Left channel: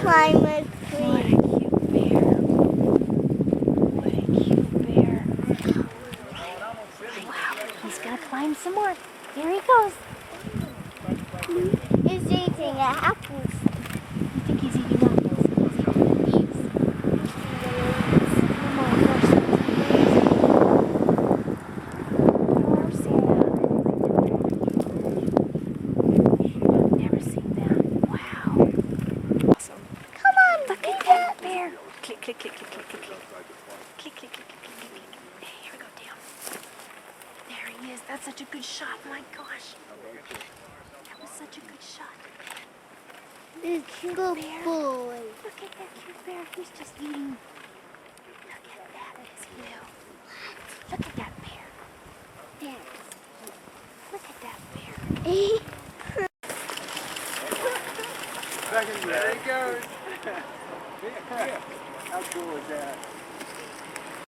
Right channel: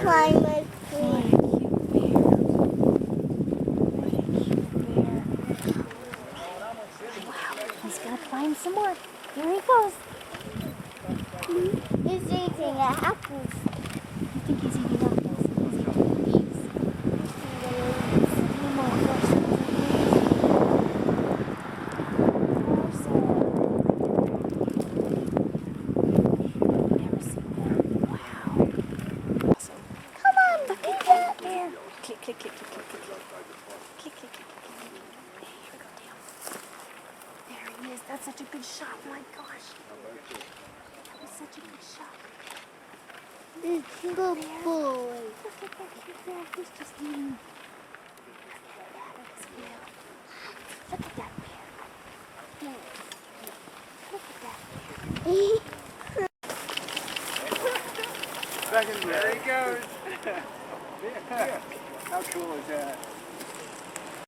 climb a What a tree. cute bear. What a cute bear. Wow, he's gonna climb some more. Here he goes. He's eating apples. You think he's eating apples? He's eating the leaves. Eating the leaves. Oh my gosh, that's amazing. I've never seen that. Wow. Awesome. Come on. Look at that bear. Click, click, click, click, click, click, click. Click, click, click, click, click, click. Hey, here we go, down. There he is. That's such a good shot. My gosh. That was such a good shot. This good boy. Look at that cute bear. He's just eating. Look at that. It's blue. Look at that bear. Look at that bear. There he goes. How cool is that?